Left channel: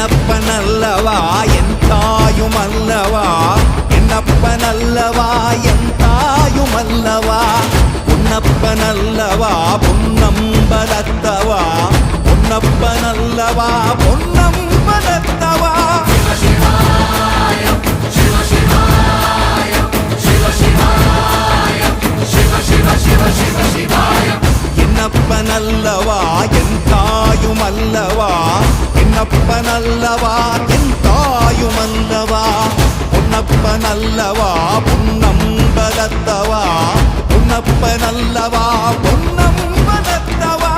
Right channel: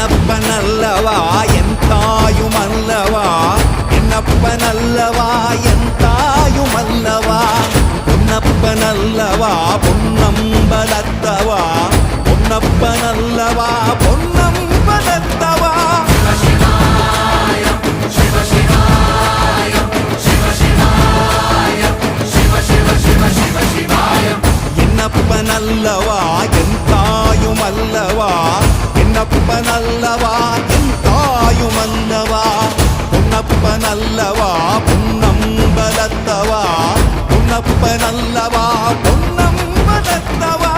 என்னப்பனல்லவா என் தாயுமல்லவா, என்னப்பனல்லவா என் தாயுமல்லவா, பொன்னப்பனல்லவா பொன்னம்பலத்தவா, பொன்னப்பனல்லவா பொன்னம்பலத்தவா. என்னப்பனல்லவா என் தாயுமல்லவா, என்னப்பனல்லவா என் தாயுமல்லவா, பொன்னப்பனல்லவா பொன்னம்பலத்தவா, பொன்னப்பனல்லவா பொன்னம்பலத்தவா.